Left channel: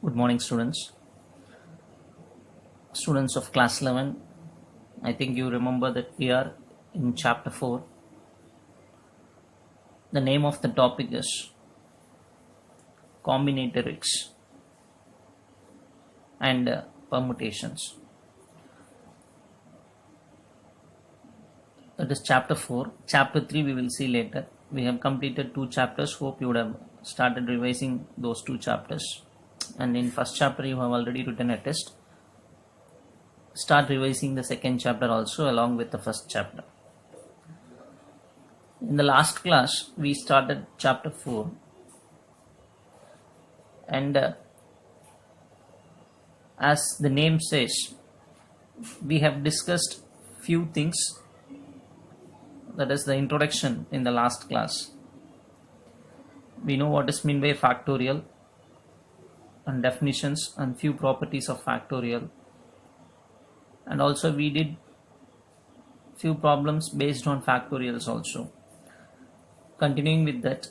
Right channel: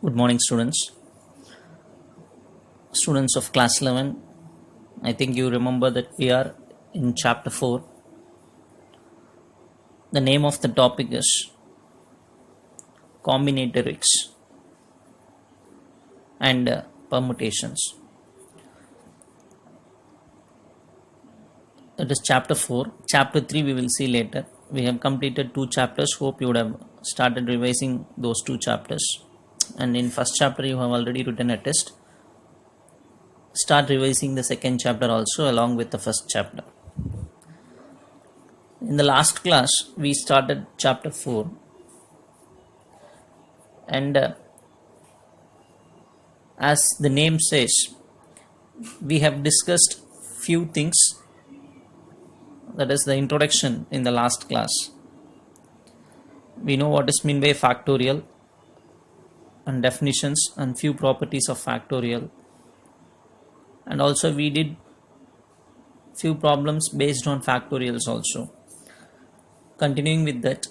Good morning, students of class 11. I think you remember that we are in chapter 4. The name of the topic is combinatorics and permutations. That is chapter 4. Chapter 3 we will see later. We have completed 2 chapters. Hope you would have started revising those 2 chapters. And in first chapter you have already written a test. Start revising the second chapter also along with the first chapter. In the last class we started chapter 4 and as the name says, we have discussed few things. That is the introduction in the last class. We know what is meant by factorial and definitions and few properties of factorial, and also we did few problems based on factorials also. Continuing with that,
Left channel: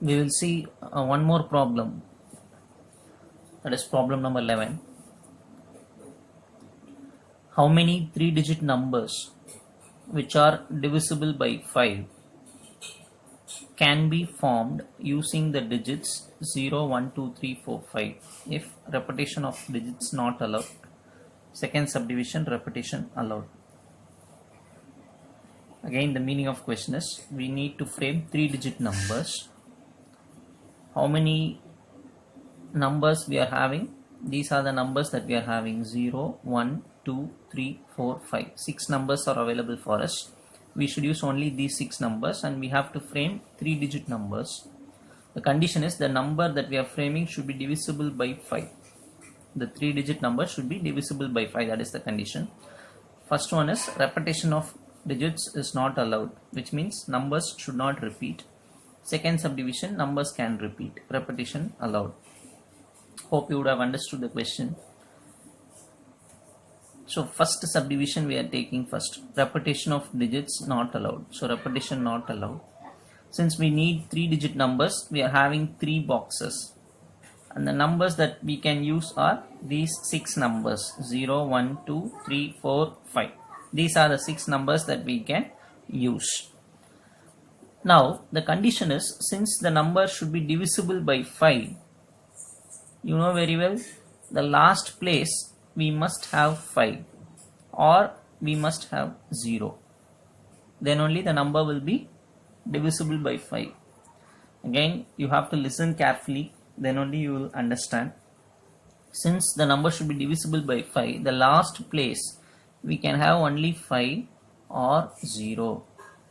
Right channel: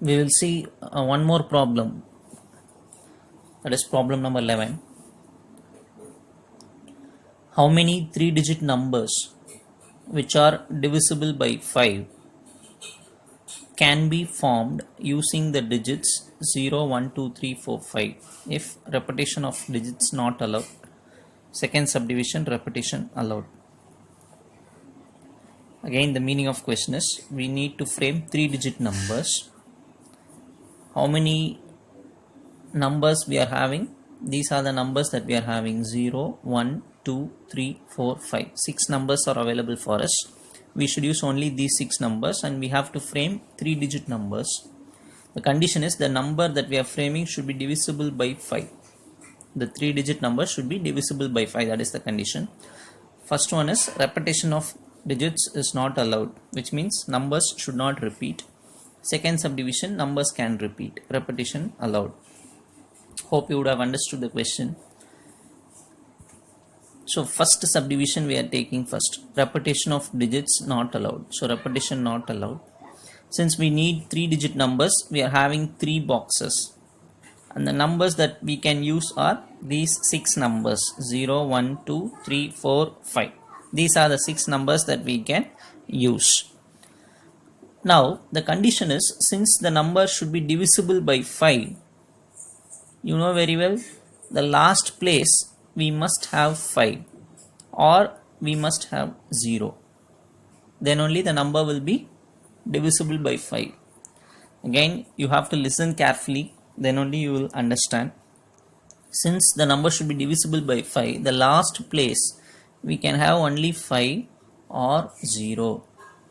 we will see one more problem, that is problem number 11. How many 3-digit numbers which are divisible by 5 can be formed using the digits 0, 1, 2, 3, 4, 5 if repetition of digits not allowed? Second subdivision, repetition allowed. Again, the meaning of question is, we need to frame 3-digit numbers. How many numbers we are having? These are the numbers that we are having: 0, 1, 2, 3, 4, 5. 6 numbers are available for us. We should use only these 6 numbers and we have to frame 3-digit numbers. The condition is the number that we are framing should be divisible by 5. The 3-digit number should be divisible by 5. That is the condition. First one is repetition of digits is not allowed, which means numbers should not repeat. Second subdivision, numbers can repeat. Repetition allowed. Hope you would have understood the question. So first subdivision we are taking first. Repetition of digits not allowed. So repetition not allowed. Since we need 3-digit numbers, we are having 3 boxes. And the numbers that we can use are these 6 numbers: 0, 1, 2, 3, 4, 5. These are the 6 numbers that we can use. Now the condition is, since the number should be divisible by 5, you know very well, the last place we must have 5 or we must have 0. Then only the number will be divisible by 5. Again, you have to listen carefully, then only you will understand. Since the number should be divisible by 5, the last place we can have only 5 or 0.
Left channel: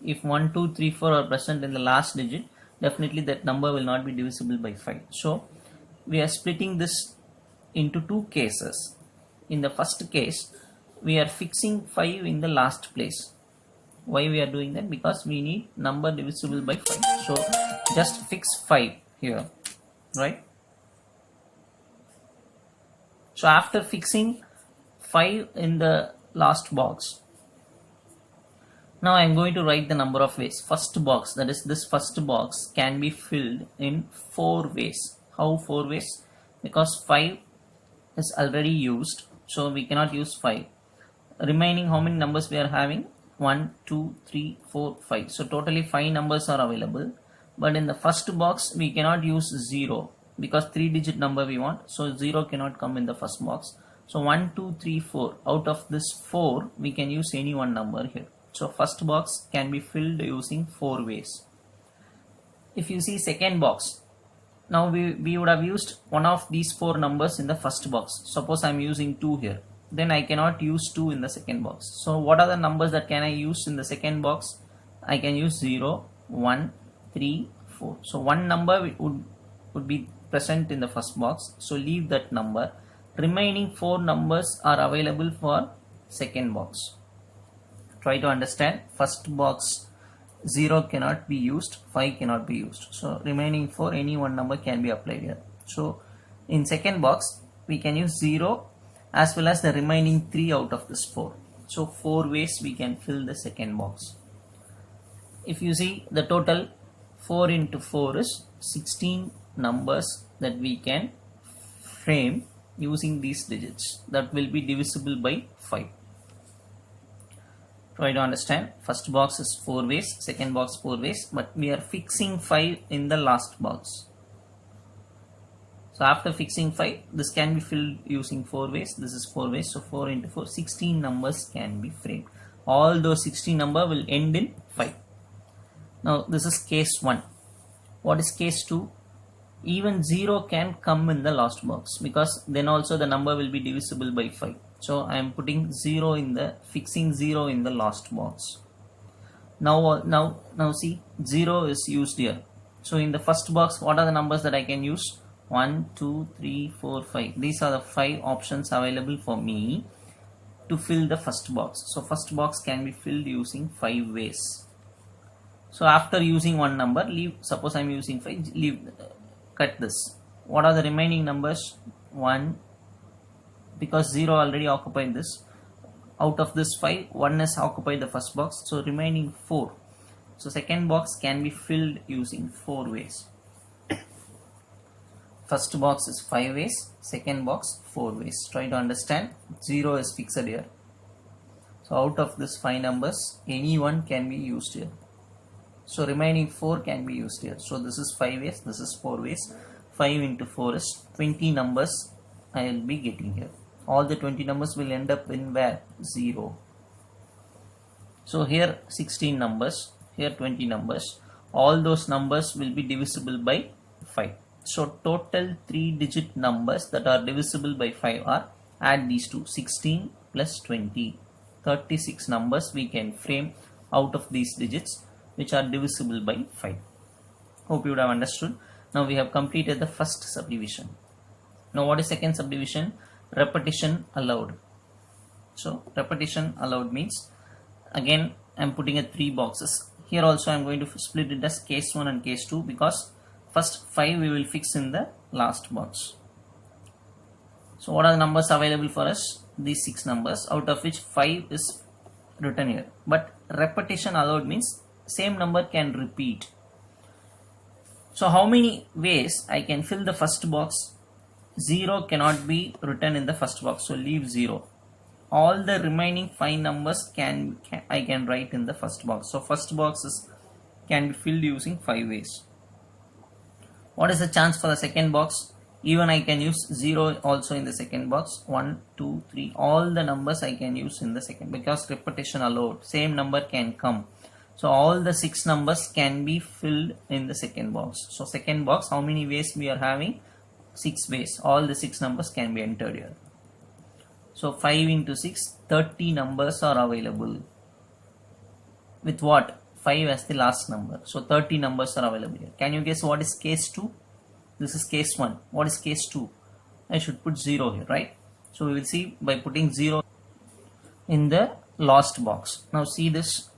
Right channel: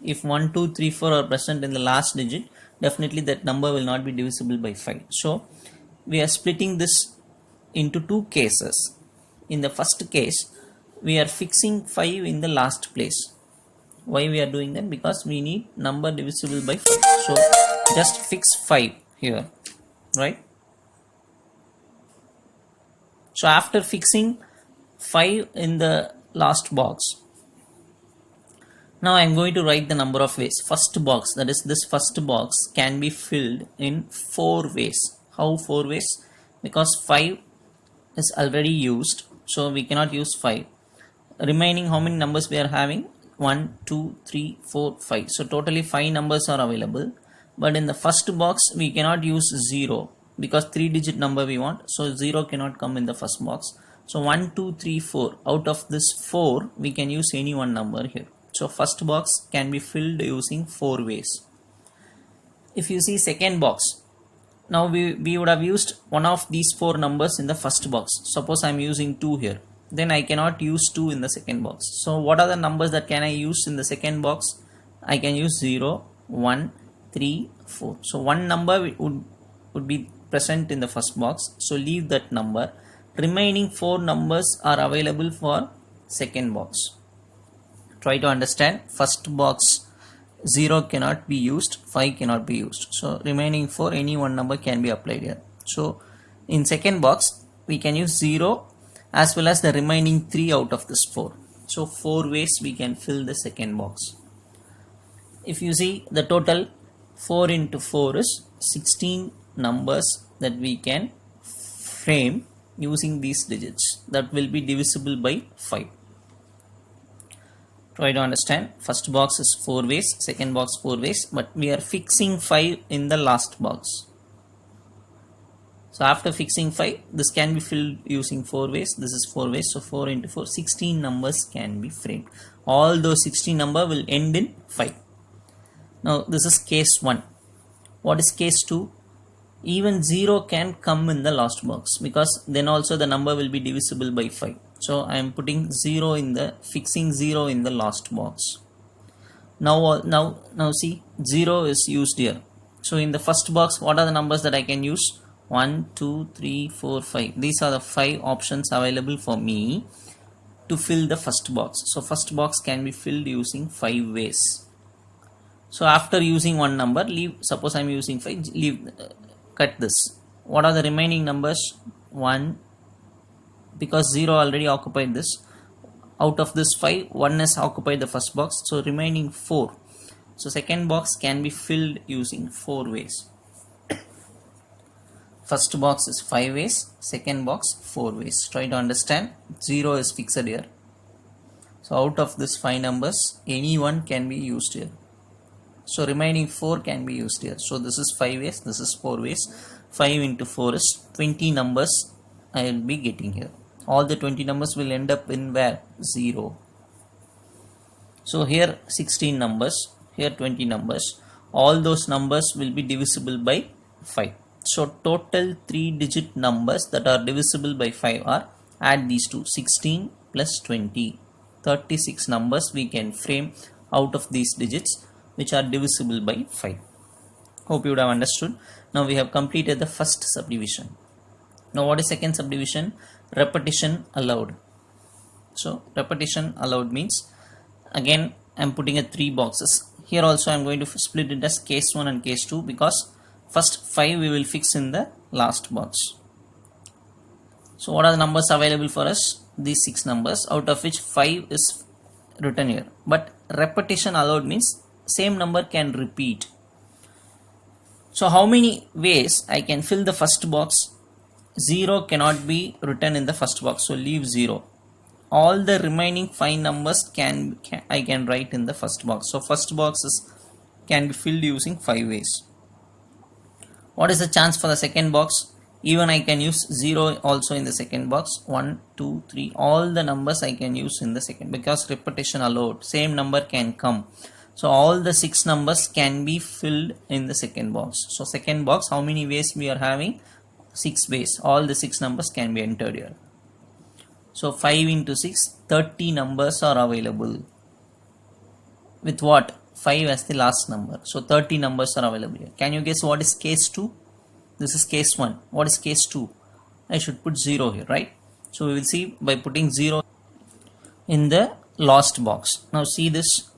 If 1, 2, 3, 4 are present in the last digit, definitely that number will not be divisible by 5. So we are splitting this into 2 cases. In the first case, we are fixing 5 in the last place. Why we are doing that? Because we need number divisible by 5. So just fix 5 here, right? So after fixing 5 in the last box, now I am going to write the number of ways. First box, that is this first box, can be filled in 4 ways. How 4 ways? Because 5 is already used, so we cannot use 5. Remaining, how many numbers we are having? 1, 2, 3, 4, 5. So totally 5 numbers are available. But in the first box we cannot use 0 because 3-digit number we want. So 0 cannot come in the first box. So 1, 2, 3, 4. Out of this 4 we can use any one number here. So first box can be filled using 4 ways. If you see second box, now we would have used one of these 4 numbers in the first box. Suppose I am using 2 here. Then I cannot use 2 in the second box. So what are the numbers that can I use in the second box? I can use 0, 1, 3, 4. So one number would be present in the first box. So leave that number. Remaining 4 numbers are available for second box. Try to understand. First box 0 cannot be used, 5 cannot be used. So remaining 4, any one number can be applied here. So in second box we can use 0 as well as the remaining 3 out of this 4. So 4 ways we can fill the second box. If you see the total 4 into 4 is 16 numbers that we can frame using these digits that will be divisible by 5. Try to understand. First box is 4 ways, second box 4 ways, but we are fixing 5 in the last box. So after fixing 5, this can be filled using 4 ways. This is 4 ways, so 4 into 4, 16 numbers can be framed. All those 16 number will end in 5. Now this is case 1. What is case 2? Even 0 can come in the last box, because then also the number will be divisible by 5. So I am putting 0 in the, fixing 0 in the last box. Now see, 0 is used here. So in the first box, what are the numbers that I can use? 1, 2, 3, 4, 5. These are the 5 options available for me to fill the first box. So first box can be filled using 5 ways. So after using one number, leave, suppose I am using 5, leave, cut this. What are the remaining numbers? 1, because 0 already occupied this. Out of this 5, 1 has occupied the first box, so remaining 4. So second box can be filled using 4 ways. First box is 5 ways, second box 4 ways. Try to understand. 0 is fixed here. So out of this 5 numbers, any one can be used here. So remaining 4 can be used here. So this is 5 ways, this is 4 ways. 5 into 4 is 20 numbers I will be getting here. All the 20 numbers will end up in where? 0. So here 16 numbers, here 20 numbers. All those numbers will be divisible by 5. So total 3-digit numbers that are divisible by 5 are, add these two, 16 plus 20. 36 numbers we can frame out of these digits which are divisible by 5. Hope you would have understood. Now we have completed the first subdivision. Now what is second subdivision? Repetition allowed. So repetition allowed means, again I am putting 3 boxes. Here also I am going to split it as case 1 and case 2, because first 5 we will fix in the last box. So what are the numbers available for us? These 6 numbers, out of which 5 is written here. But repetition allowed means same number can repeat. So how many ways I can fill the first box? 0 cannot be written in the first box, so leave 0. All the remaining 5 numbers I can write in the first box. So first box can be filled using 5 ways. What is the chance for the second box? Even I can use 0 also in the second box. 1, 2, 3, all the numbers I can use in the second, because repetition allowed, same number can come. So all the 6 numbers can be filled in the second box. So second box, how many ways we are having? 6 ways. All the 6 numbers can be entered here. So 5 into 6, 30 numbers are available. With what? 5 as the last number. So 30 numbers are available here. Can you guess what is case 2? This is case 1. What is case 2? I should put 0 here, right? So we will see by putting 0 in the last box. Now see this.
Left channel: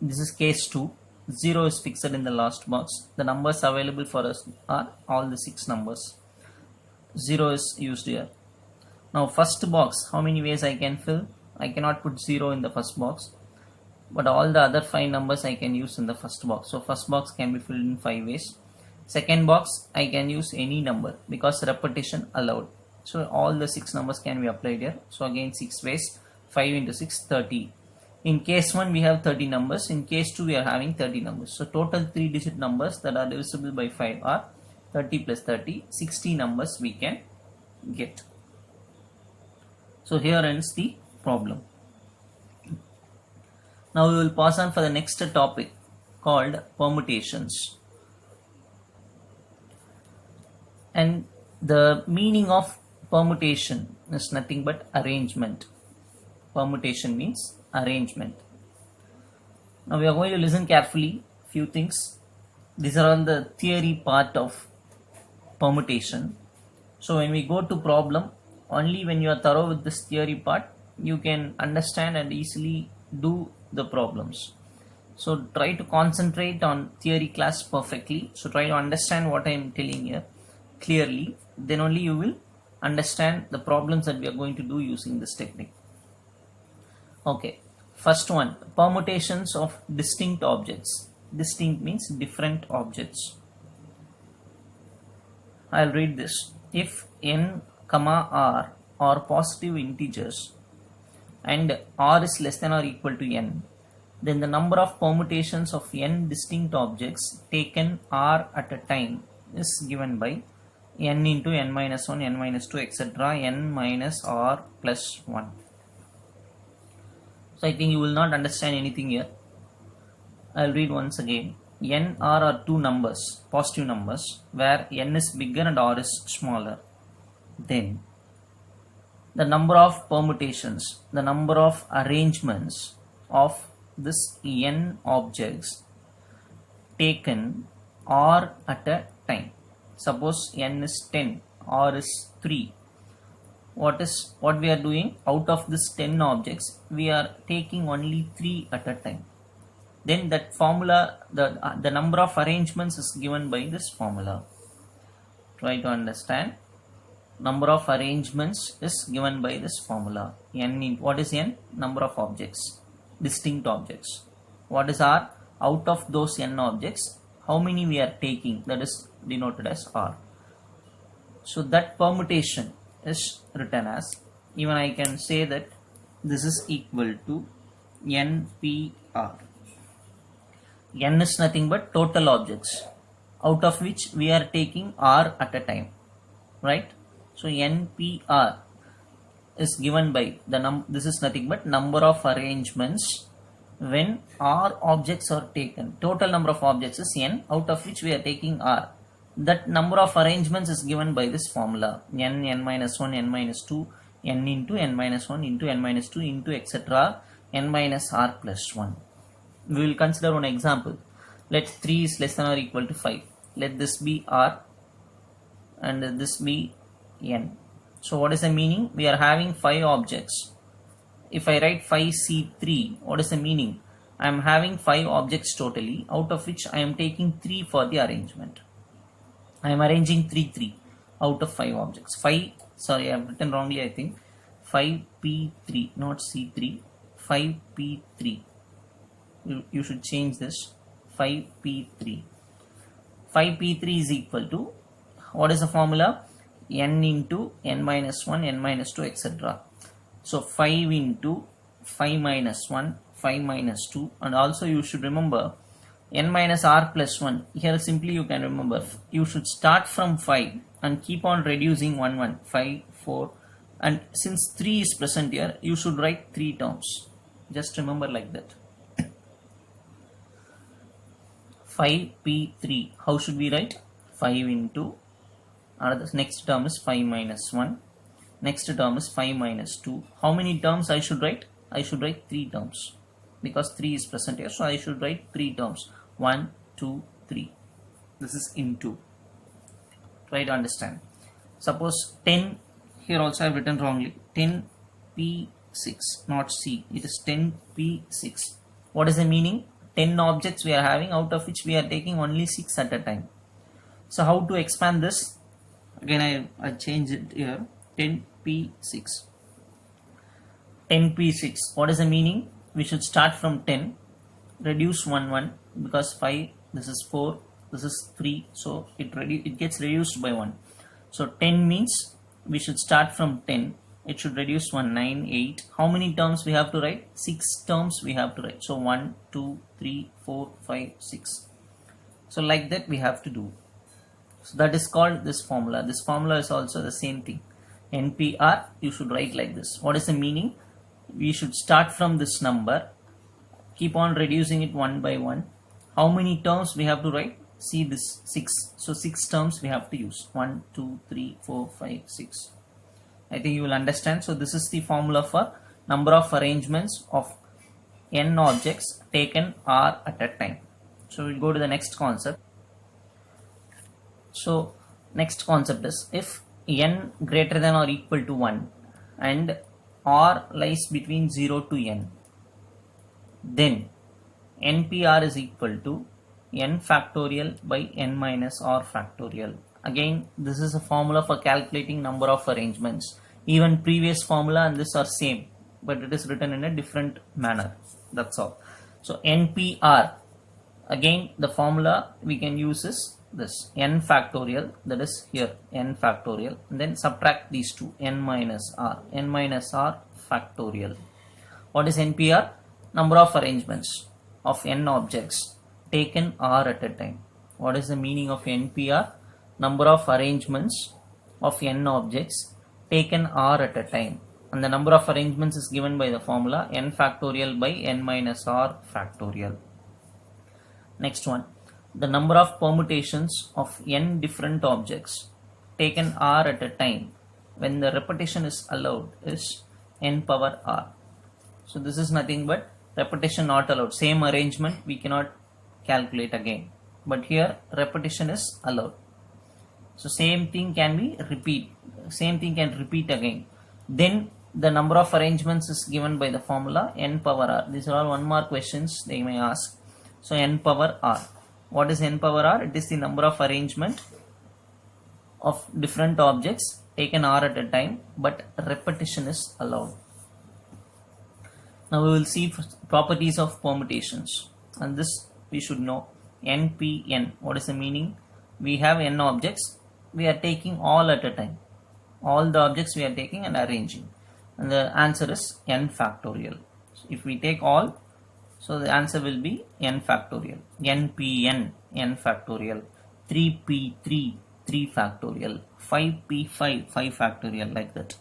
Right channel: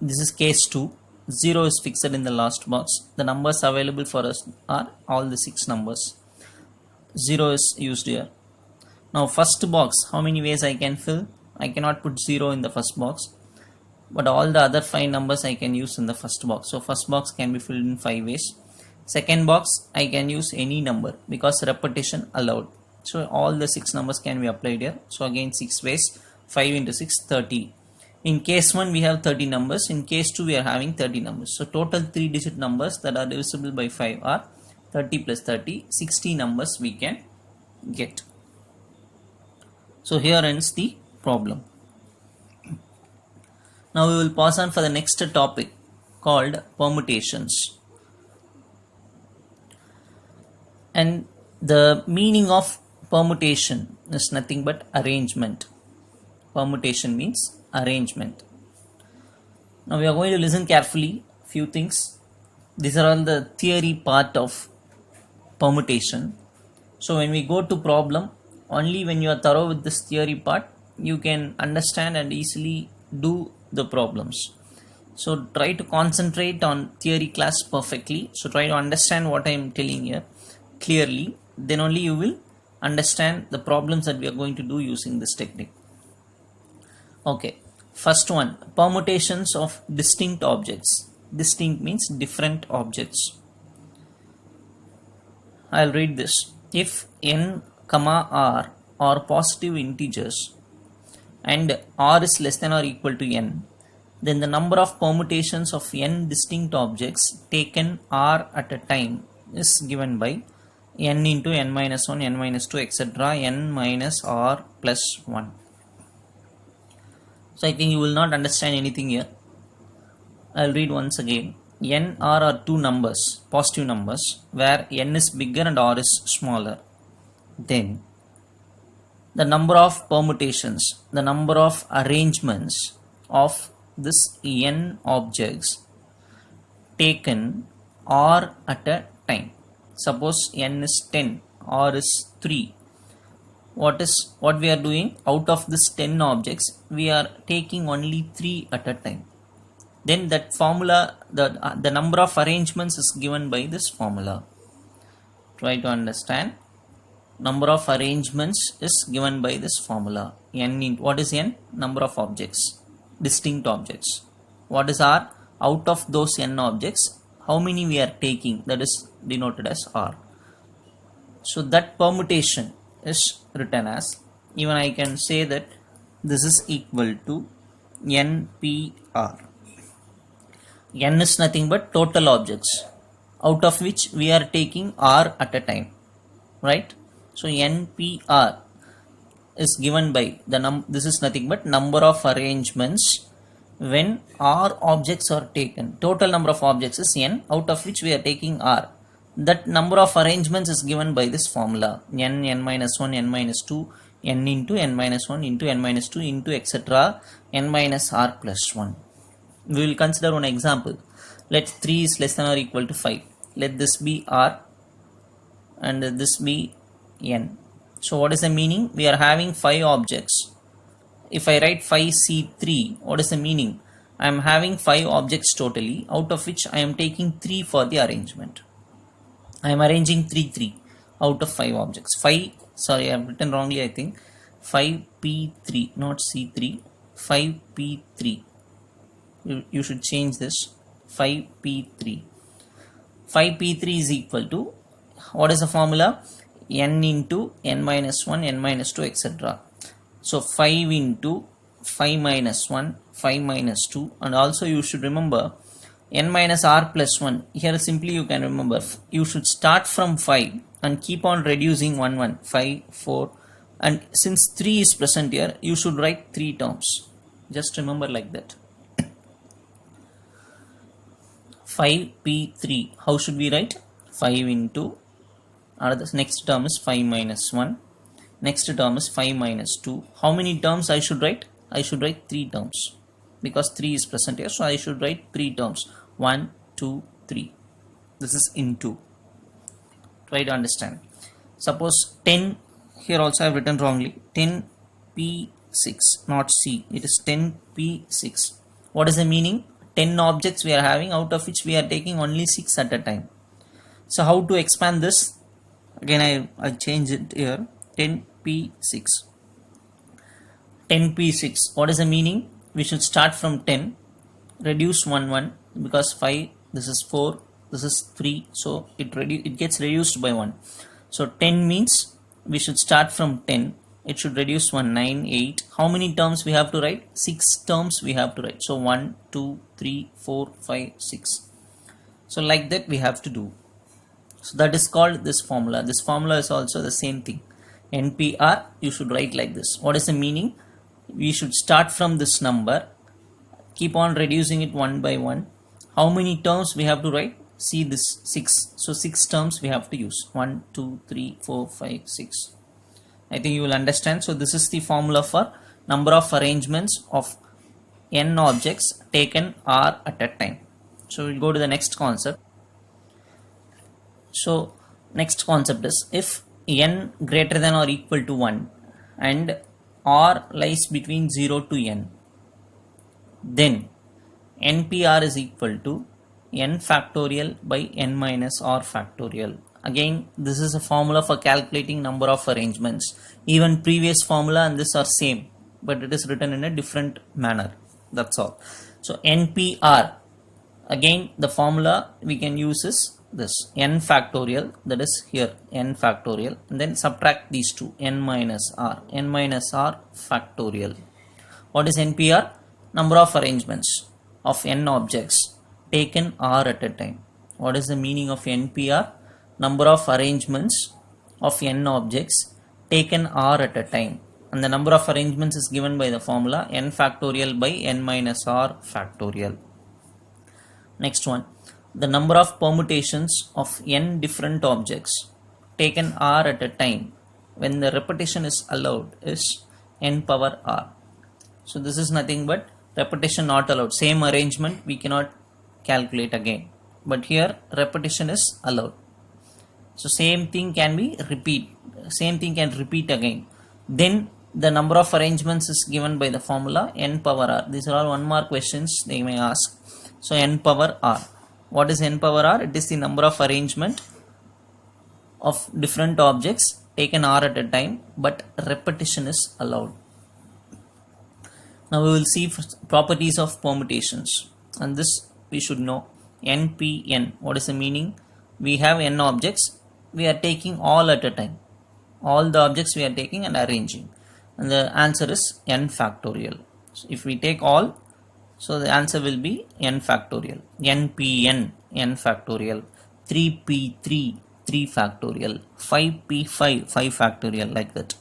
This is case 2. 0 is fixed in the last box. The numbers available for us are all the 6 numbers. 0 is used here. Now first box, how many ways I can fill? I cannot put 0 in the first box, but all the other 5 numbers I can use in the first box. So first box can be filled in 5 ways. Second box I can use any number, because repetition allowed. So all the 6 numbers can be applied here. So again 6 ways. 5 into 6, 30. In case 1 we have 30 numbers. In case 2 we are having 30 numbers. So total 3-digit numbers that are divisible by 5 are 30 plus 30, 60 numbers we can get. So here ends the problem. Now we will pass on for the next topic called permutations. And the meaning of permutation is nothing but arrangement. Permutation means arrangement. Now we are going to listen carefully few things. These are all the theory part of permutation. So when we go to problem, only when you are thorough with this theory part, you can understand and easily do the problems. So try to concentrate on theory class perfectly. So try to understand what I am telling here clearly. Then only you will understand the problems that we are going to do using this technique. Okay, first one, permutations of distinct objects. Distinct means different objects. I'll read this. If n comma r are positive integers and r is less than or equal to n, then the number of permutations of n distinct objects taken r at a time is given by n into n minus 1, n minus 2, etc. n minus r plus 1. So I think you will not understand anything here. I'll read once again. N, r are two numbers, positive numbers, where n is bigger and r is smaller. Then the number of permutations, the number of arrangements of this n objects taken r at a time. Suppose n is 10, r is 3. What we are doing? Out of this 10 objects, we are taking only 3 at a time. Then that formula, the number of arrangements is given by this formula. Try to understand. Number of arrangements is given by this formula. N, what is n? Number of objects, distinct objects. What is r? Out of those n objects, how many we are taking? That is denoted as r. So that permutation is written as, even I can say that this is equal to NPR. N is nothing but total objects, out of which we are taking r at a time, right? So NPR is given by this is nothing but number of arrangements when r objects are taken. Total number of objects is n, out of which we are taking r. That number of arrangements is given by this formula, n, n minus 1, n minus 2, n into n minus 1 into n minus 2 into etc. n minus r plus 1. We will consider one example. Let 3 is less than or equal to 5. Let this be r and this be n. So what is the meaning? We are having 5 objects. If I write 5C3, what is the meaning? I am having 5 objects totally, out of which I am taking 3 for the arrangement. I am arranging 3 out of 5 objects. 5, sorry, I have written wrongly, I think. 5P3, not C3. 5P3. You should change this. 5P3. 5P3 is equal to, what is the formula? N into n minus 1, n minus 2, etc. So 5 into 5 minus 1, 5 minus 2, and also you should remember n minus r plus 1. Here simply you can remember, you should start from 5 and keep on reducing 1, 5, 4, and since 3 is present here, you should write 3 terms. Just remember like that. 5P3, how should we write? 5 into, the next term is 5 minus 1, next term is 5 minus 2. How many terms I should write? I should write 3 terms, because 3 is present here, so I should write 3 terms. 1, 2, 3. This is into. Try to understand. Suppose 10, here also I have written wrongly, 10P6, not C, it is 10P6. What is the meaning? 10 objects we are having, out of which we are taking only 6 at a time. So how to expand this? Again I'll change it here. 10P6. 10P6. What is the meaning? We should start from 10, reduce 1, because 5, this is 4, this is 3, so it gets reduced by 1. So 10 means we should start from 10, it should reduce 1, 9, 8. How many terms we have to write? 6 terms we have to write. So 1, 2, 3, 4, 5, 6. So like that we have to do. So that is called this formula. This formula is also the same thing. NPR, you should write like this. What is the meaning? We should start from this number, keep on reducing it 1 by 1. How many terms we have to write? See this 6. So 6 terms we have to use. 1, 2, 3, 4, 5, 6. I think you will understand. So this is the formula for number of arrangements of n objects taken r at a time. So we'll go to the next concept. So next concept is, if n greater than or equal to 1 and r lies between 0 to n, then NPR is equal to n factorial by n minus r factorial. Again, this is a formula for calculating number of arrangements. Even previous formula and this are same, but it is written in a different manner. That's all. So NPR, Again, the formula we can use is this n factorial, that is here n factorial, and then subtract these two, n minus r factorial. What is NPR? Number of arrangements of n objects taken r at a time. What is the meaning of NPR? Number of arrangements of n objects taken r at a time, and the number of arrangements is given by the formula n factorial by n minus r factorial. Next one, the number of permutations of n different objects taken r at a time when the repetition is allowed is n power r. So this is nothing but repetition not allowed. Same arrangement we cannot calculate again, but here repetition is allowed. So same thing can repeat again. Then the number of arrangements is given by the formula n power r. These are all 1 mark questions they may ask. So n power r. What is n power r? It is the number of arrangement of different objects taken r at a time, but repetition is allowed. Now we will see properties of permutations, and this we should know. NPN. What is the meaning? We have n objects. We are taking all at a time. All the objects we are taking and arranging, and the answer is n factorial. So if we take all, so the answer will be n factorial. NPN, n factorial. 3p3, 3 factorial. 5p5, 5 factorial, like that.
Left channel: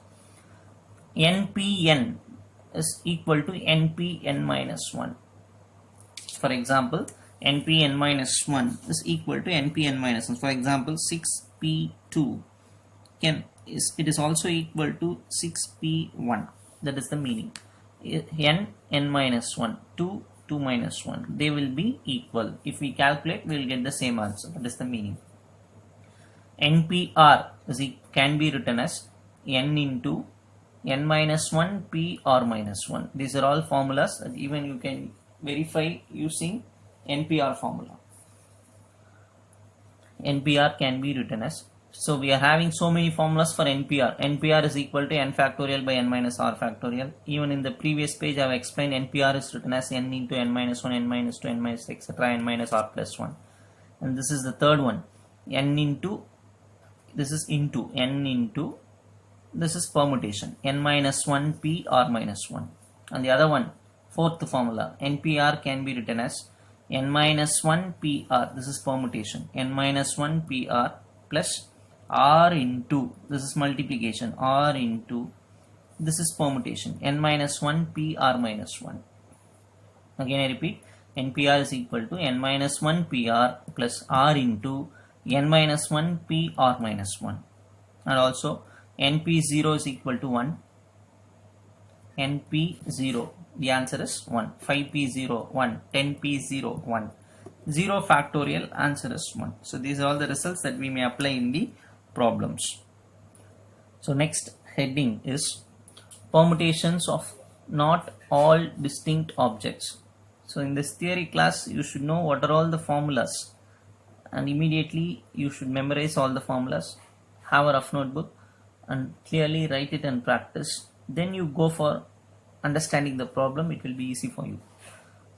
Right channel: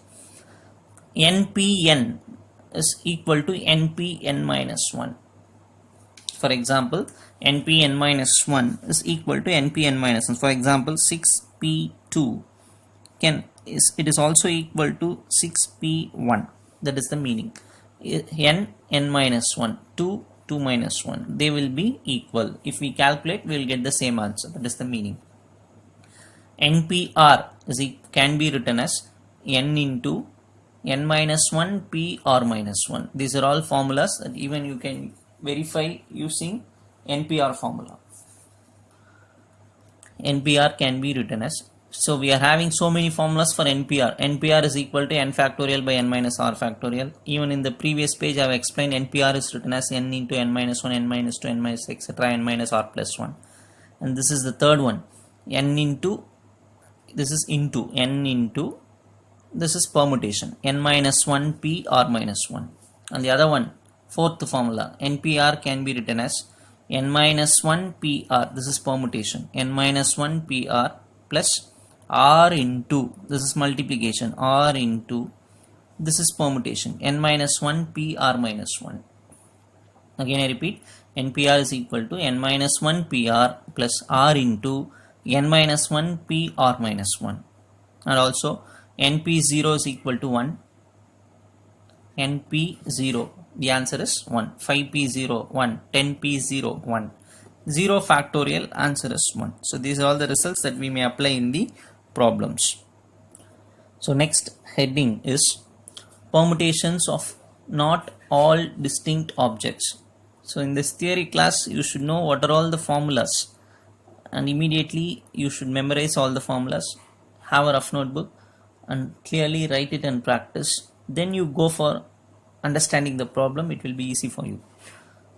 NPN is equal to NPN minus 1. For example, NPN minus 1 is equal to NPN minus 1. For example, 6p2 it is also equal to 6p1. That is the meaning. n minus 1, 2 minus 1, they will be equal. If we calculate, we will get the same answer. That is the meaning. NPR can be written as n into n minus 1 p r minus 1. These are all formulas that even you can verify using NPR formula. NPR can be written as, so we are having so many formulas for NPR. NPR is equal to n factorial by n minus r factorial. Even in the previous page I have explained NPR is written as n into n minus 1, n minus 2, n minus etc. n minus r plus 1. And this is the third one. This is permutation, n minus 1 p r minus 1. And the other one, fourth formula, NPR can be written as n minus 1 p r. This is permutation, n minus 1 p r plus r into, this is multiplication, r into, this is permutation, n minus 1 p r minus 1. Again I repeat, NPR is equal to n minus 1 p r plus r into n minus 1 p r minus 1. And also NP0 is equal to 1. NP0, the answer is 1. 5p0, 1. 10p0, 1. 0 factorial, answer is 1. So these are all the results that we may apply in the problems. So next heading is permutations of not all distinct objects. So in this theory class you should know what are all the formulas, and immediately you should memorize all the formulas, have a rough notebook and clearly write it and practice. Then you go for understanding the problem, it will be easy for you.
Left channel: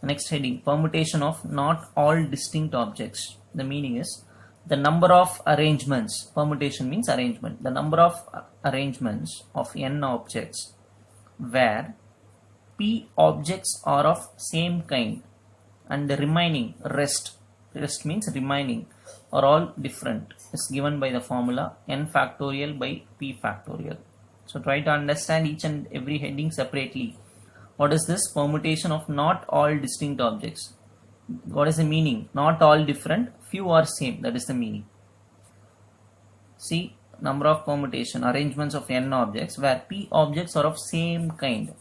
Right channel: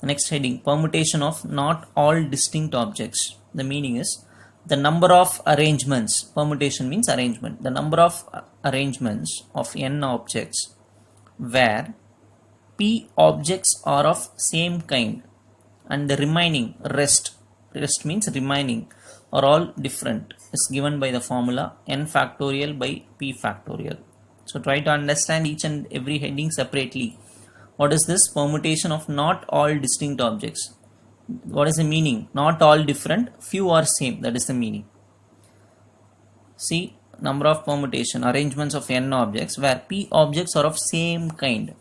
The next heading, permutation of not all distinct objects. The meaning is the number of arrangements. Permutation means arrangement. The number of arrangements of n objects where p objects are of same kind and the remaining rest means remaining, are all different, is given by the formula n factorial by p factorial. So try to understand each and every heading separately. What is this? Permutation of not all distinct objects. What is the meaning? Not all different, few are same, that is the meaning. See, number of permutation, arrangements of n objects where p objects are of same kind.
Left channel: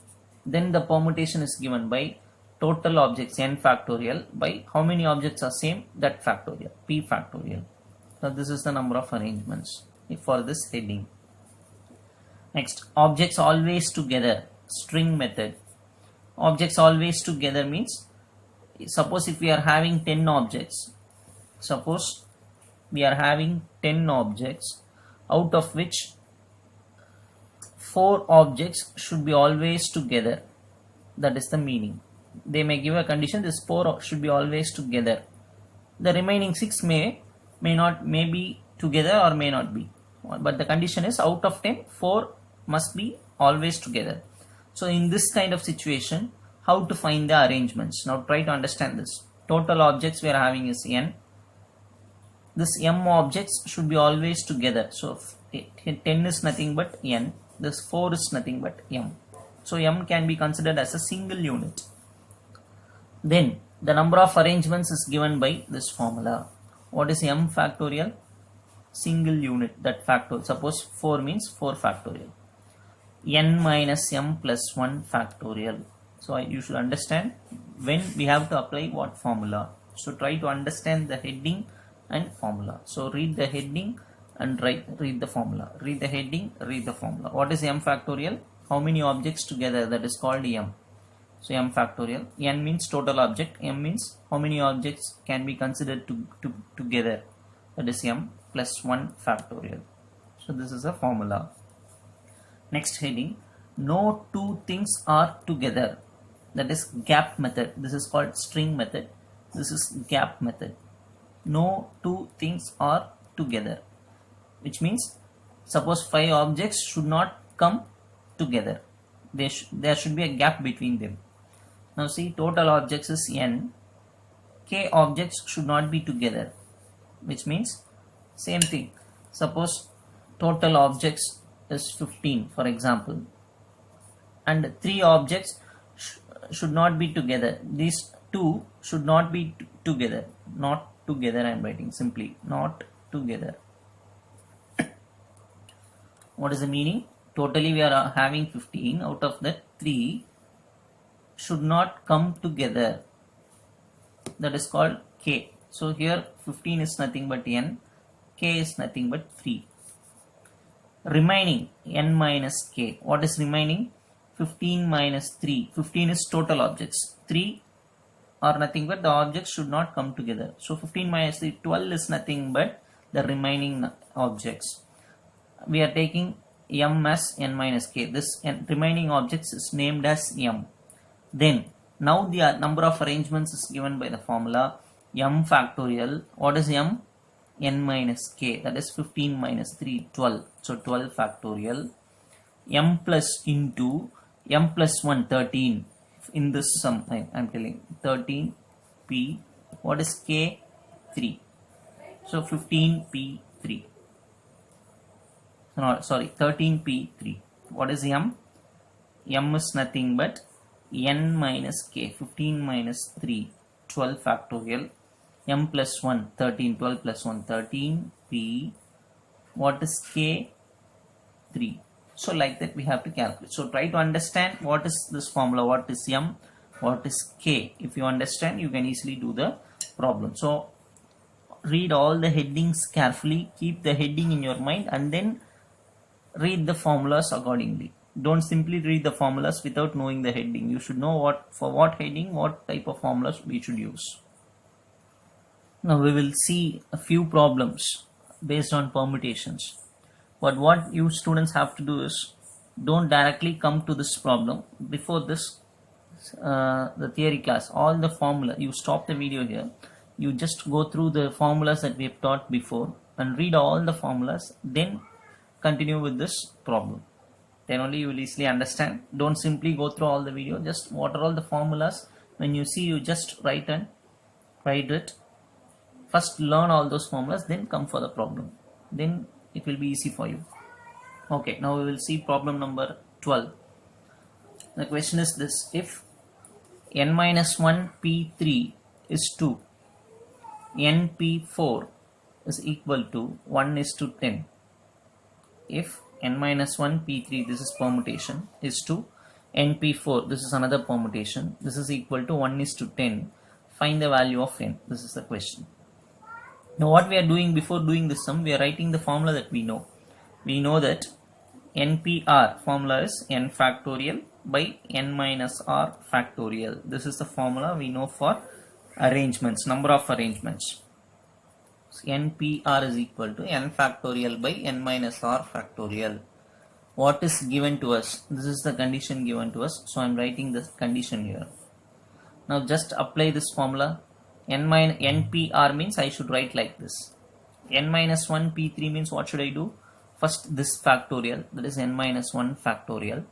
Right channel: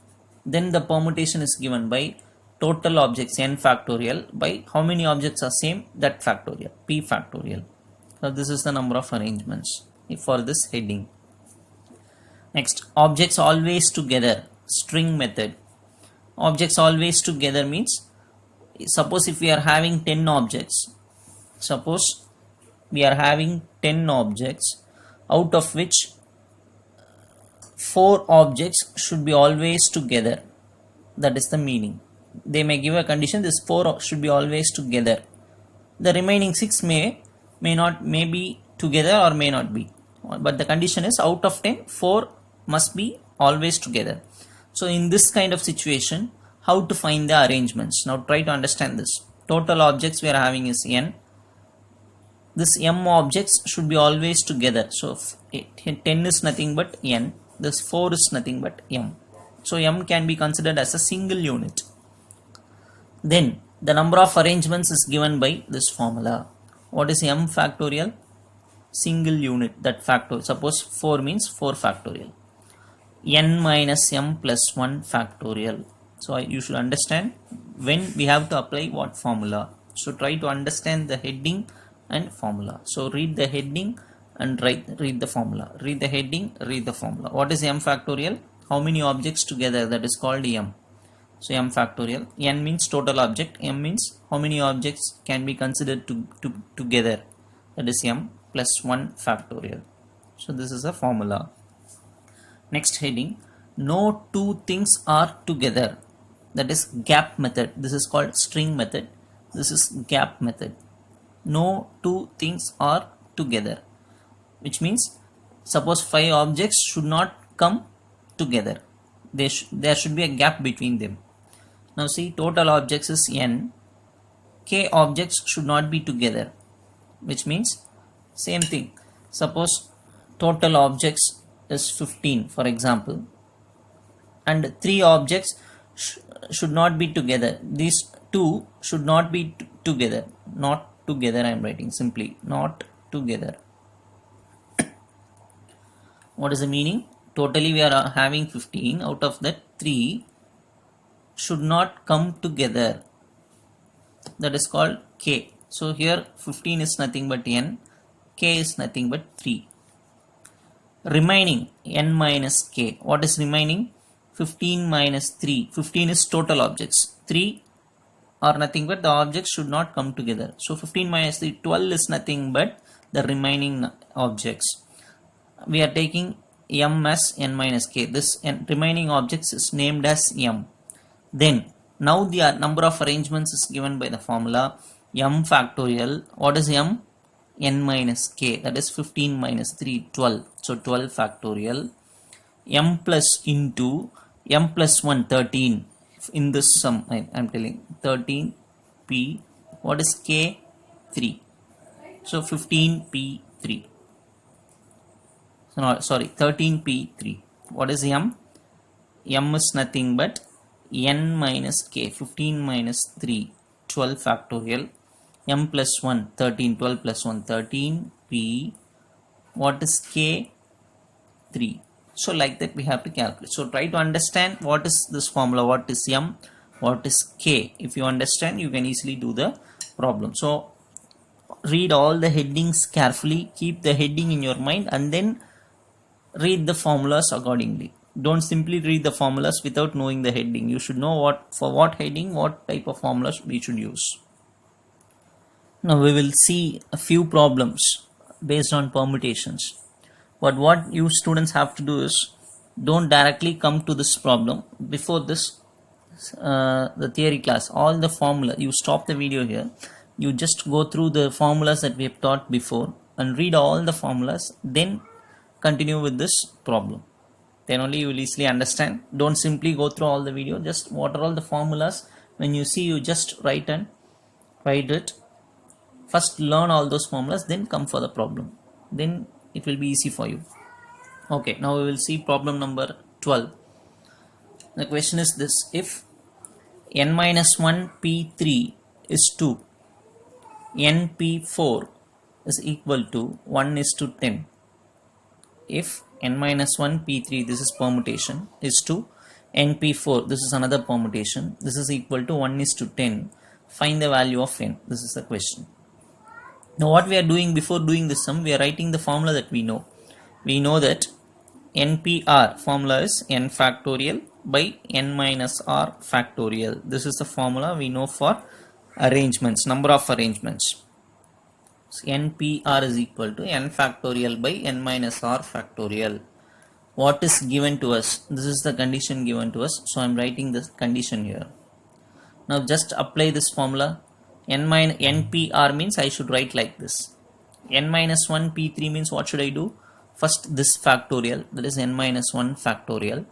Then the permutation is given by total objects n factorial by how many objects are same, that factorial, p factorial. So this is the number of arrangements for this heading. Next, objects always together, string method. Objects always together means, suppose if we are having 10 objects, out of which 4 objects should be always together. That is the meaning. They may give a condition, this 4 should be always together. The remaining 6 may be together or may not be, but the condition is out of 10 4 must be always together. So in this kind of situation, how to find the arrangements? Now try to understand this. Total objects we are having is n. This m objects should be always together. So 10 is nothing but n. This 4 is nothing but m. So m can be considered as a single unit. Then the number of arrangements is given by this formula. What is m factorial? Single unit, that factor. Suppose 4 means 4 factorial. N minus m plus 1 factorial. So you should understand when we have to apply what formula. So try to understand the heading and formula. So read the heading and read the formula. Read the heading, read the formula. What is m factorial? How many objects together? That is called m. So m factorial. N means total object. M means how many objects can be considered together. That is m plus 1 factorial. So this is a formula. Next heading. No two things are together. That is gap method. This is called string method. This is gap method. No two things are together, which means suppose 5 objects should not come together. There should be a gap between them. Now see, total objects is n. K objects should not be together, which means same thing. Suppose total objects is 15 for example, and 3 objects should not be together. These 2 should not be together. Not together, I am writing simply not together. What is the meaning? Totally we are having 15. Out of that 3 should not come together. That is called K. So here 15 is nothing but n. K is nothing but 3. Remaining n minus k. What is remaining? 15 minus 3. 15 is total objects. 3 are nothing but the objects should not come together. So 15 minus 3, 12 is nothing but the remaining objects. We are taking m as n minus k. This remaining objects is named as m. Then now the number of arrangements is given by the formula m factorial. What is m? N minus k. That is 15 minus 3, 12. So 12 factorial. M plus into m plus 1, 13. In this sum I am telling 13 p. What is k? 3. So 15 p 3. So no, sorry, 13 p 3. What is m? M is nothing but n minus k. 15 minus 3, 12 factorial. M plus 1, 13. 12 plus 1, 13 p. What is k? 3. So like that we have to calculate. So try to understand what is this formula, what is m, what is k. If you understand, you can easily do the problem. So read all the headings carefully, keep the heading in your mind, and then read the formulas accordingly. Don't simply read the formulas without knowing the heading. You should know for what heading, what type of formulas we should use. Now we will see a few problems based on permutations. But what you students have to do is, don't directly come to this problem. Before this, the theory class, all the formula, you stop the video here. You just go through the formulas that we have taught before and read all the formulas. Then continue with this problem. Then only you will easily understand. Don't simply go through all the video. Just what are all the formulas. When you see, you just write it. First learn all those formulas, then come for the problem. Then it will be easy for you. Okay, now we will see problem number 12. The question is this: if n minus 1 p3 is 2, n p4 is equal to 1:10. If n minus 1 p3, this is permutation, is to n p4, this is another permutation, this is equal to 1:10, find the value of n. This is the question. Now what we are doing before doing this sum, we are writing the formula that we know. We know that NPR formula is n factorial by n minus r factorial. This is the formula we know for arrangements, number of arrangements. So NPR is equal to n factorial by n minus r factorial. What is given to us? This is the condition given to us. So I am writing this condition here. Now just apply this formula. npr means I should write like this. N minus 1 p3 means what should I do? First this factorial, that is n minus 1 factorial.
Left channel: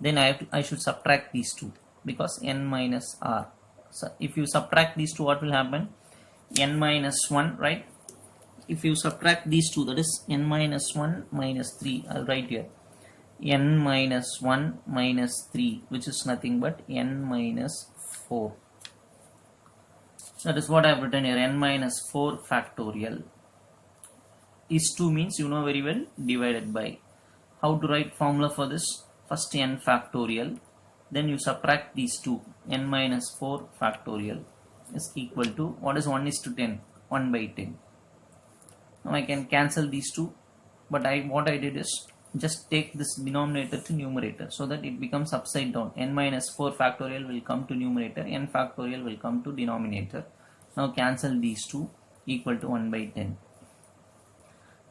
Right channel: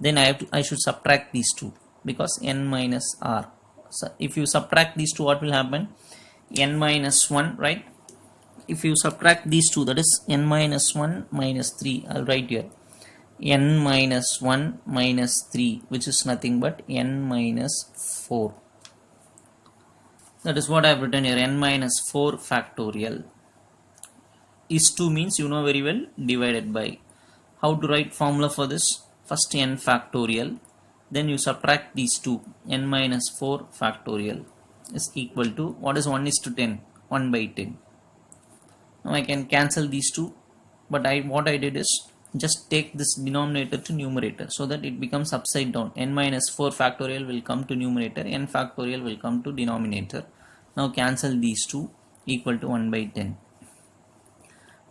Then I should subtract these two because n minus r. So if you subtract these two, what will happen? N minus 1, right? If you subtract these two, that is n minus 1 minus 3, I'll write here n minus 1 minus 3, which is nothing but n minus 4. That is what I have written here, n minus 4 factorial. Is 2 means you know very well, divided by. How to write formula for this? First n factorial, then you subtract these two, n minus 4 factorial is equal to, what is 1 is to 10? 1 by 10. Now I can cancel these two, but what I did is just take this denominator to numerator so that it becomes upside down. N minus 4 factorial will come to numerator, n factorial will come to denominator. Now cancel these two, equal to 1 by 10.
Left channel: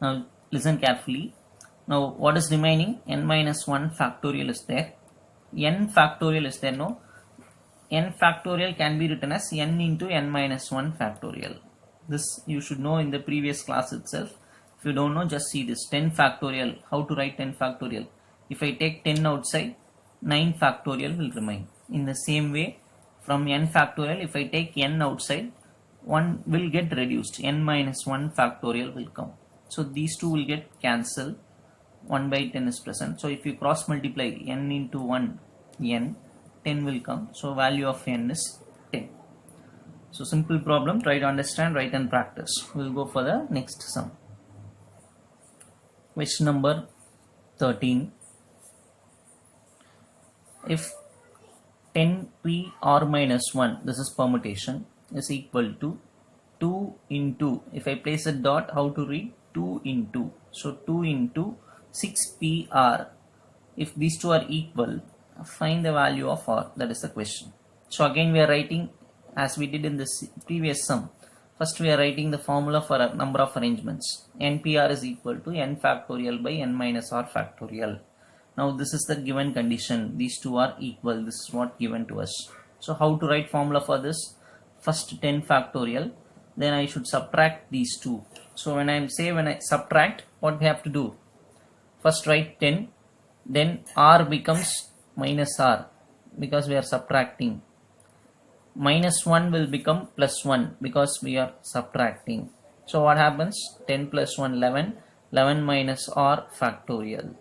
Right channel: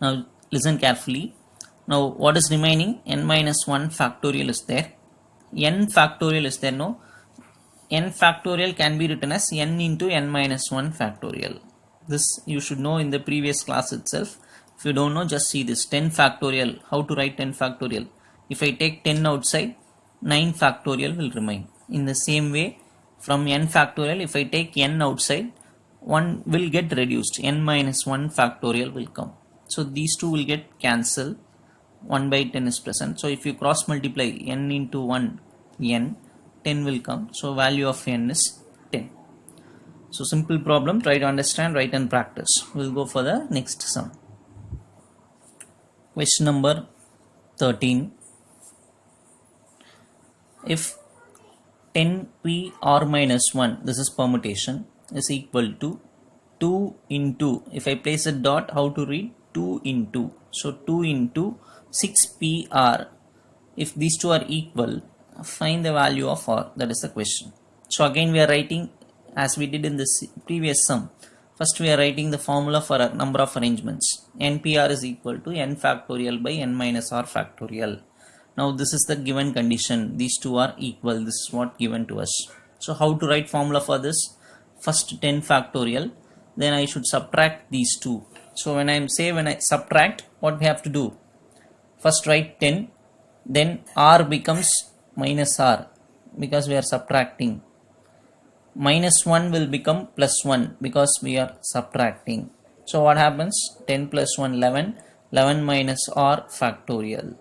Now listen carefully. Now what is remaining? N minus 1 factorial is there. N factorial is there, no? N factorial can be written as n into n minus 1 factorial. This you should know in the previous class itself. If you don't know, just see this 10 factorial. How to write 10 factorial? If I take 10 outside, 9 factorial will remain. In the same way, from n factorial, if I take n outside, 1 will get reduced. N minus 1 factorial will come. So these two will get cancelled. 1 by 10 is present. So if you cross multiply n into 1, n, 10 will come. So value of n is 10. So simple problem, try to understand, write and practice. We'll go for the next sum. Question number 13. If 10pr minus 1, this is permutation, is equal to 2 into, if I place a dot, how to read? 2 into, so 2 into 6pr. If these two are equal, find the value of r. That is the question. So again we are writing as we did in this previous sum. First we are writing the formula for a number of arrangements. npr is equal to n factorial by n minus r factorial. Now this is the given condition. These two are equal. This is what given to us. So how to write formula for this? First 10 factorial. Then I should subtract these two. So when I subtract, what we have to do? First write 10. Then r becomes minus r because we are subtracting. Minus 1 will become plus 1 because we are subtracting. So what happens? 10 plus 1, 11. 11 minus r factorial.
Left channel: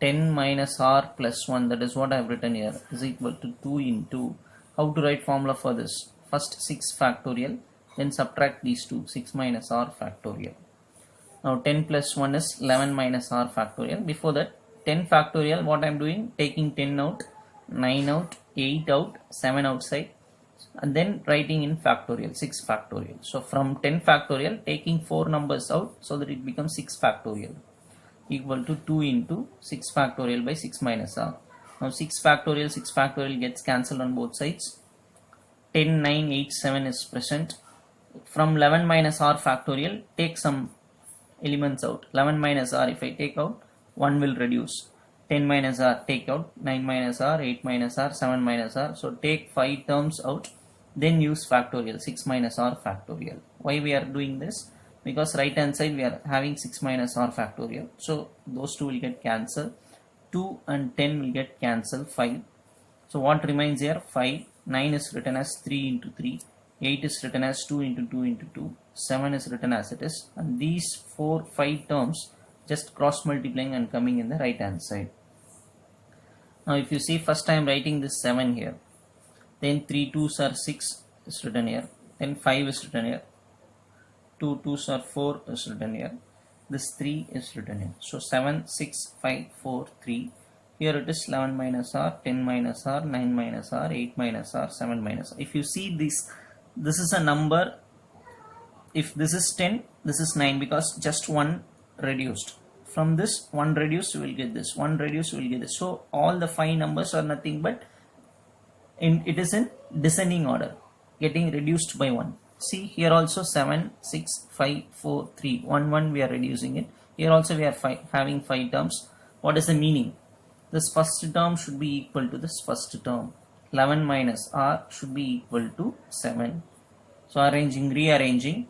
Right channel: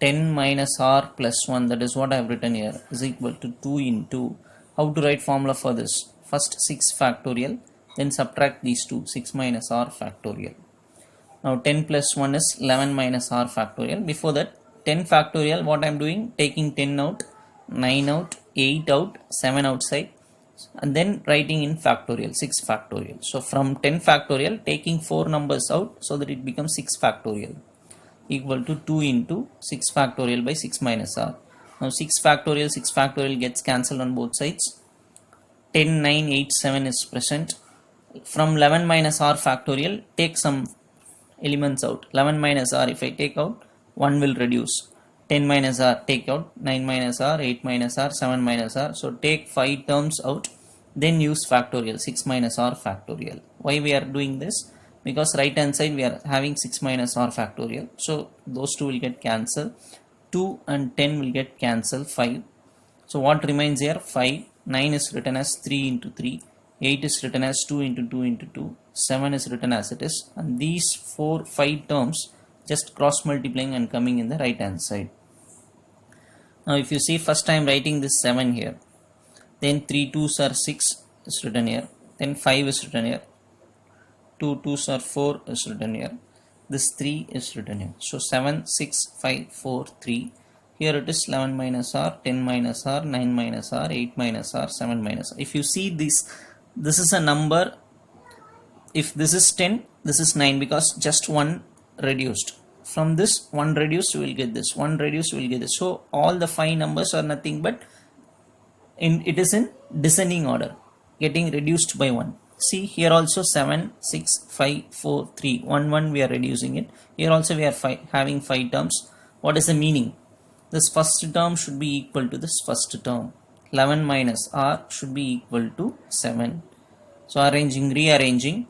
10 minus r plus 1, that is what I have written here, is equal to 2 into. How to write formula for this? First 6 factorial, then subtract these two, 6 minus r factorial. Now 10 plus 1 is 11 minus r factorial. Before that, 10 factorial, what I am doing? Taking 10 out, 9 out, 8 out, 7 outside, and then writing in factorial, 6 factorial. So from 10 factorial, taking 4 numbers out so that it becomes 6 factorial, equal to 2 into 6 factorial by 6 minus r. Now 6 factorial gets cancelled on both sides. 10, 9, 8, 7 is present. From 11 minus r factorial, take some elements out. 11 minus r, if I take out, 1 will reduce. 10 minus r, take out. 9 minus r, 8 minus r, 7 minus r. So take 5 terms out, then use factorial, 6 minus r factorial. Why we are doing this? Because right hand side we are having 6 minus r factorial. So those two will get cancelled. 2 and 10 will get cancelled, 5. So what remains here? 5. 9 is written as 3 into 3. 8 is written as 2 into 2 into 2. 7 is written as it is. And these 5 terms just cross multiplying and coming in the right hand side. Now if you see, first I am writing this 7 here. Then 3 2s are 6 is written here. Then 5 is written here. 2 2s are 4 is written here. This 3 is written here. So 7, 6, 5, 4, 3. Here it is 11 minus r, 10 minus r, 9 minus r, 8 minus r, 7 minus r. If you see this is a number. If this is 10, this is 9 because just 1 reduced. From this 1 reduced, you will get this. 1 reduced, you will get this. So all the 5 numbers are nothing but it is in descending order, getting reduced by 1. See here also 7, 6, 5, 4, 3, 1, 1 we are reducing it. Here also we are having 5 terms. What is the meaning? This first term should be equal to this first term. 11 minus r should be equal to 7. So arranging, rearranging,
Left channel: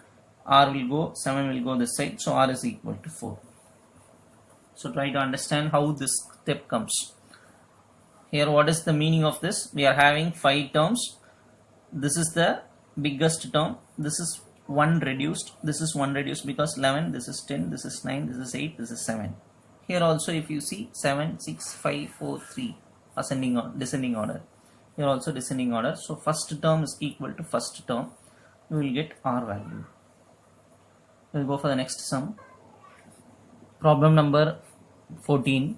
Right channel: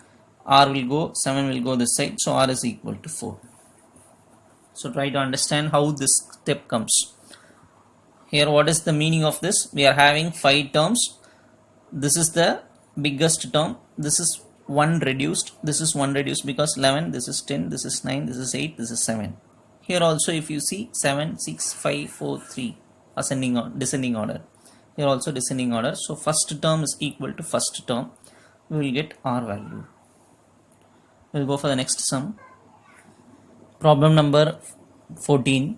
r will go, 7 will go this side, so r is equal to 4. So try to understand how this step comes. Here what is the meaning of this? We are having 5 terms. This is the biggest term. This is 1 reduced. This is 1 reduced because 11, this is 10, this is 9, this is 8, this is 7. Here also if you see 7, 6, 5, 4, 3 ascending or descending order. Here also descending order. So first term is equal to first term. We will get r value. We will go for the next sum. Problem number 14.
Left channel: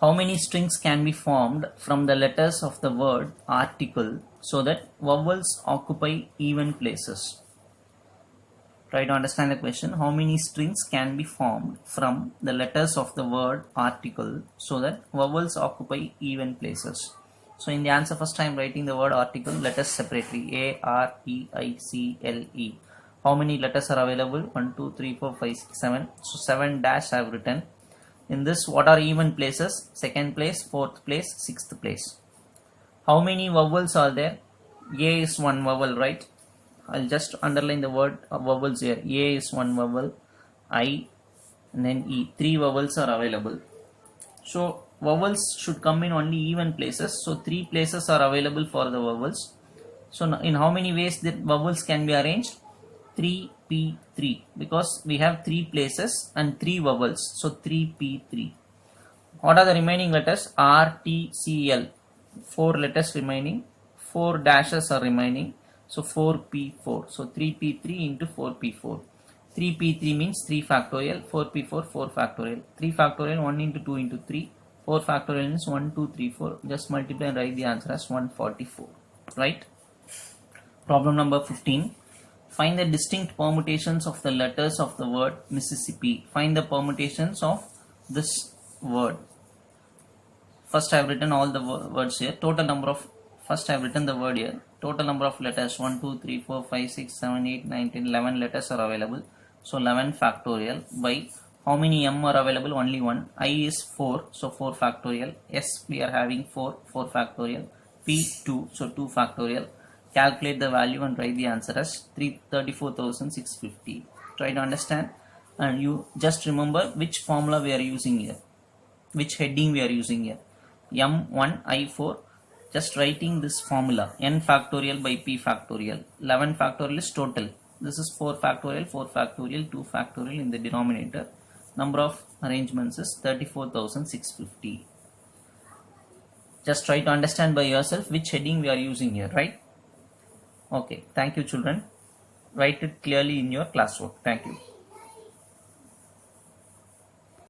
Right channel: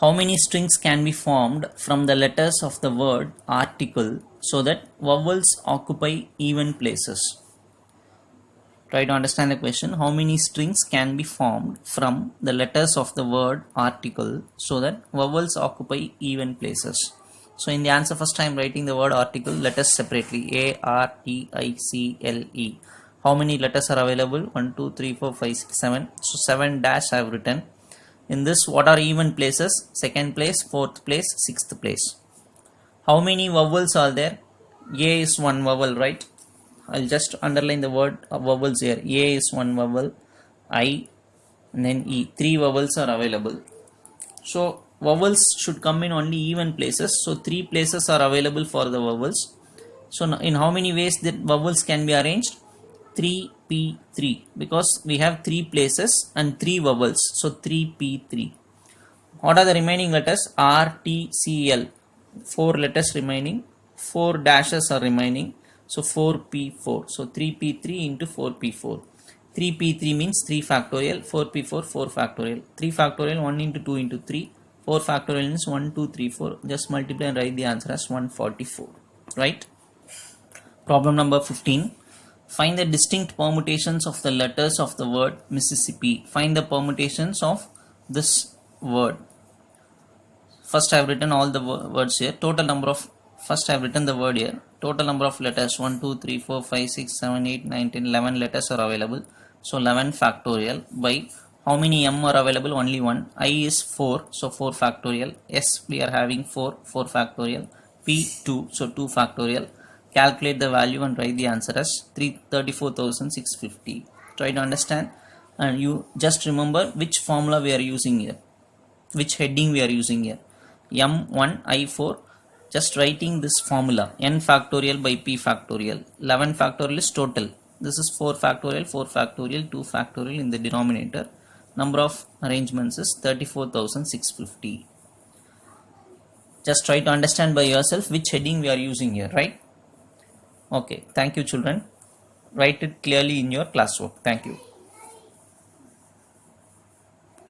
How many strings can be formed from the letters of the word article so that vowels occupy even places? Try to understand the question. How many strings can be formed from the letters of the word article so that vowels occupy even places? So in the answer, first I am writing the word article, letters separately, A-R-T-I-C-L-E. How many letters are available? 1, 2, 3, 4, 5, 6, 7. So 7 dash I have written. In this, what are even places? Second place, fourth place, sixth place. How many vowels are there? A is one vowel, right? I'll just underline the word vowels here. A is one vowel, I, and then E. 3 vowels are available. So vowels should come in only even places. So 3 places are available for the vowels. So in how many ways the vowels can be arranged? 3p3, because we have 3 places and 3 vowels, so 3p3. What are the remaining letters? R, T, C, L. 4 letters remaining, 4 dashes are remaining, so 4p4. So 3p3 into 4p4. 3p3 means 3 factorial, 4p4 4 factorial. 3 factorial 1 into 2 into 3. 4 factorial means 1, 2, 3, 4. Just multiply and write the answer as 144. Right? Problem number 15. Find the distinct permutations of the letters of the word Mississippi. Find the permutations of this word. First I have written all the words here. Total number of, first I have written the word here. Total number of letters 1, 2, 3, 4, 5, 6, 7, 8, 9, 10, 11 letters are available. So 11 factorial by how many M are available? Only 1. I is 4, so 4 factorial. S we are having 4, 4 factorial. P 2, so 2 factorial. Calculate the value and write the answer as 34,650. Try to understand, and you just remember which formula we are using here, which heading we are using here. M1 I4, just writing this formula, n factorial by p factorial. 11 factorial is total. This is 4 factorial, 4 factorial, 2 factorial in the denominator. Number of arrangements is 34,650. Just try to understand by yourself which heading we are using here, right? Okay, thank you children. Write it clearly in your classwork. Thank you.